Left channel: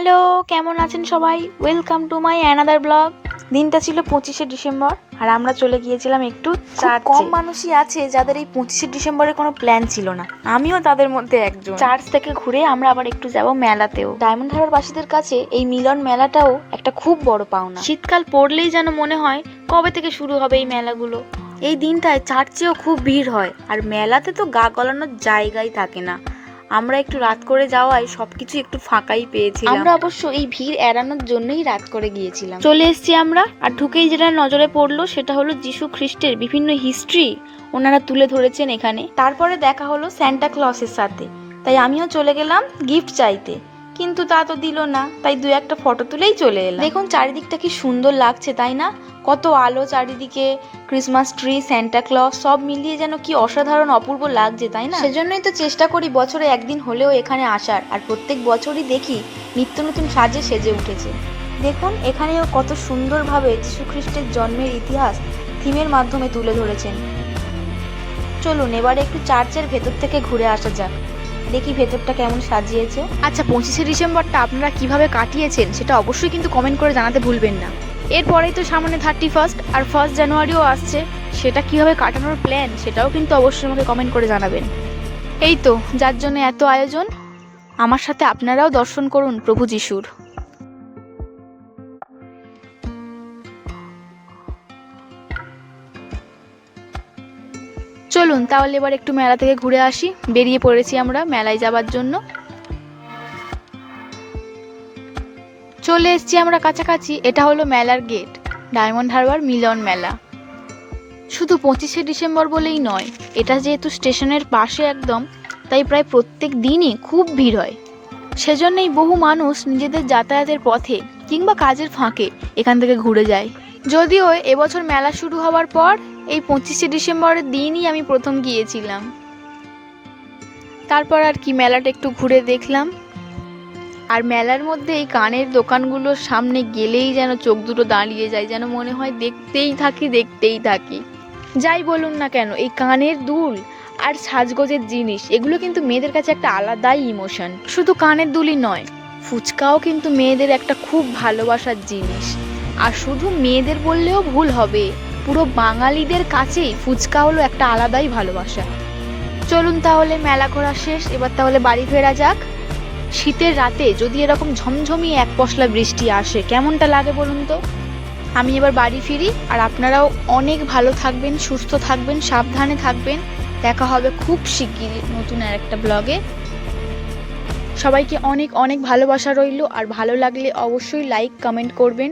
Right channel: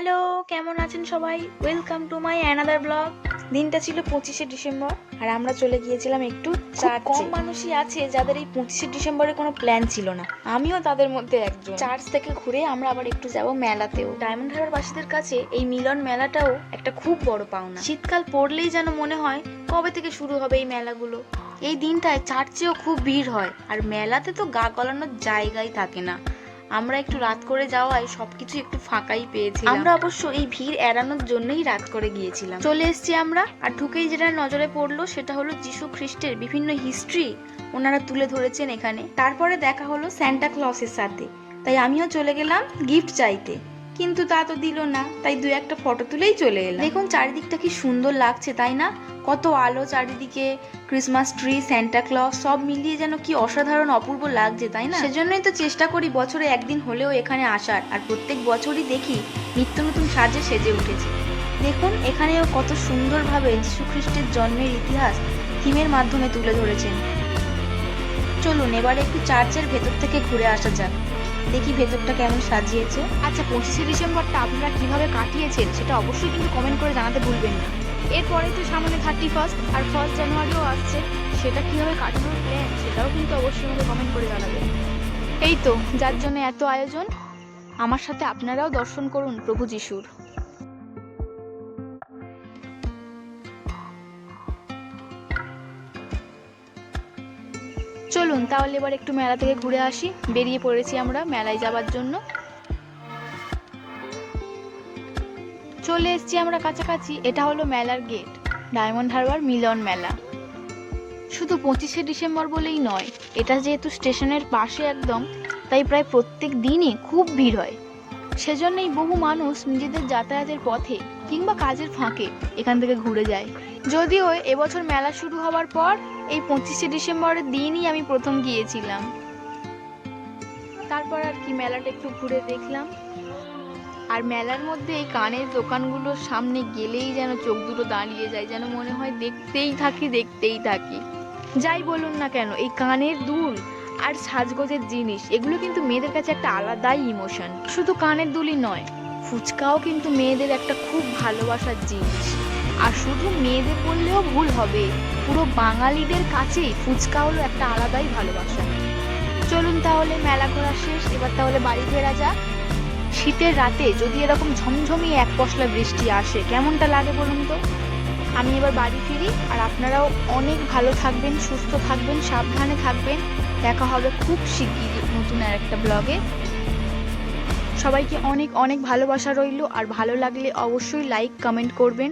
Hello, কেমন আছেন সবাই? Welcome to my another blog. দিনটা ছিল 25শে ডিসেম্বর আর আমরা চলে গিয়েছিলাম একটু চার্চে। কম মানুষই আছে যাদের এই 25শে ডিসেম্বরে কোনো প্ল্যান ছিল না, আমিও তাদের মধ্যে একজন। চার্চ থেকে ঘুরে আমরা আবার একটু যাব মেলাতেও। ডায়মন্ড হারবার বাসীদের কাছে এই মিলন মেলাটাও একটা খুব বড় পাওনা। শীতকাল পড়লেই যেন মনে হয় কবে থেকে শুরু হবে এই মেলাগুলো। এই দিনটায় চার্চেও খুব ভিড় হয় আর মেলাতে তো গা গলানোর জায়গাই থাকে না। আমরা একটু রাত করে যাওয়ায় সবকিছু একটু ফাঁকাই পেয়েছিলাম। আমরা অবশ্য এই ভিড় এড়ানোর জন্যই রাত করে গিয়েছিলাম। চলে এসেছি আমরা, আর ঢুকেই যেটা নজরে পড়লো সেটা হলো যিশু খ্রিস্টের বিভিন্ন হিস্ট্রি ওনারা তুলে ধরেছেন এখানে। তারপরে দেখা হলো স্যান্টা ক্লসের সাথে, তাই আমিও চলে গেলাম গিফট চাইতে, কিন্তু তা তো দিল না, তাই দু একটা ফটো তুলেই চলে এলাম। দেখুন চারিদিকটা কি সুন্দর লাগছে তাই না? কত আলো চারিদিকে, ক্রিসমাস ট্রি, স্যান্টা ক্লজ সব মিলিয়ে যেন কি অসাধারণ অপূর্ব লাগছে তাই না? সেজন্যই তো চেষ্টা করি বছরে একদিন হলেও এখানে আসার, আর প্রত্যেক বছরই দেখি নিত্য নতুন সাজে সেজে উঠেছে। দেখুন এখানেও কত সুন্দরভাবে যীশু খ্রিস্টের জন্মের ইতিহাস থিমের মাধ্যমে তুলে ধরেছেন। চলুন এবারে একটু চার্চের ভেতর থেকে ঘুরে আসা যাক, দেখি ভেতরটা কেমন সাজিয়েছে। আচ্ছা, 25শে ডিসেম্বরটা আপনারা কিভাবে কাটিয়েছেন সেটা অবশ্যই কিন্তু কমেন্ট করে জানাতে ভুলবেন না। এরপরেই তো সামনে 31 আর 1 জানুয়ারিও আসছে, সেটা কিভাবে কাটানোর প্ল্যান সেটাও কিন্তু অবশ্যই আমাকে কমেন্ট করে জানাবেন। এই তো যার জন্য এত আয়োজন, আমার সাথে আপনারাও দর্শন করুন প্রভু যিশুর। চলুন তাহলে এবার একটু মেলা থেকে ঘুরে আসি। বেরিয়ে পড়েছি আমরা মেলায় যাবার জন্য। চলে এসেছি আমরা কাছাকাছি, এটা হলো মেলার গেট, ডায়মন্ড হারবার মিলন মেলা। শুধু 25শে ডিসেম্বর বলেই নয়, এটা যেহেতু স্টেশনের পাশে একদম, তাই প্রায় প্রত্যেক দিনই খুব ভিড় হয়। সেজন্যই বহু মানুষ নিজেদের যাতায়াতের পথে কিংবা কাজের ফাঁকে এখান থেকে ঘুরে যায়। যদিও এবছর মেলা শুরু হওয়ার পর এই 25শে ডিসেম্বরের দিনই আমি প্রথম গিয়েছিলাম। তারপর আর কি মেলাটা একটু ঘুরে দেখলাম। আর মেলার মধ্যে এই কানের দোকানগুলোর সামনে গেলেই যেন চোখ দুটো দাঁড়িয়ে যায়, যেন মনে হয় দেখতেই থাকি। যাই বলুন না কেন, এই কানের দুল আর সাজগোজের জিনিস এগুলো কিন্তু মেয়েদের কাছে একটা আলাদাই ইমোশন। শুধু কানের দুলই নয়, ফুচকাও কিন্তু মেয়েদের একটা খুব ভালোবাসার জিনিস। আর শুধু মেয়েদের বললেও ভুল হবে, পুরো বাঙালিদের কাছেই ফুচকা হলো একটা আলাদাই ভালোবাসা। চলুন তাহলে মেলা ঘোরা শেষ, এবার তাহলে বাড়ি ফেরা যাক। শীতের রাতে যদি এরকম ঝমঝমিয়ে এক পশলা বৃষ্টি আসে কেমনটা লাগে বলুন তো। আমি এবার বাড়ি ফিরি, আর আপনারাও অনেক ভালো থাকবেন, সুস্থ থাকবেন, সাবধানে থাকবেন। দেখা হবে খুব শিগগিরই নতুন আর একটা ব্লগে। সবাইকে অনেক অনেক ভালোবাসা রইল, আর ভালো লাগলে অবশ্যই লাইক কমেন্ট করবেন।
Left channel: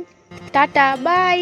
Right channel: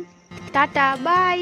Tata, by.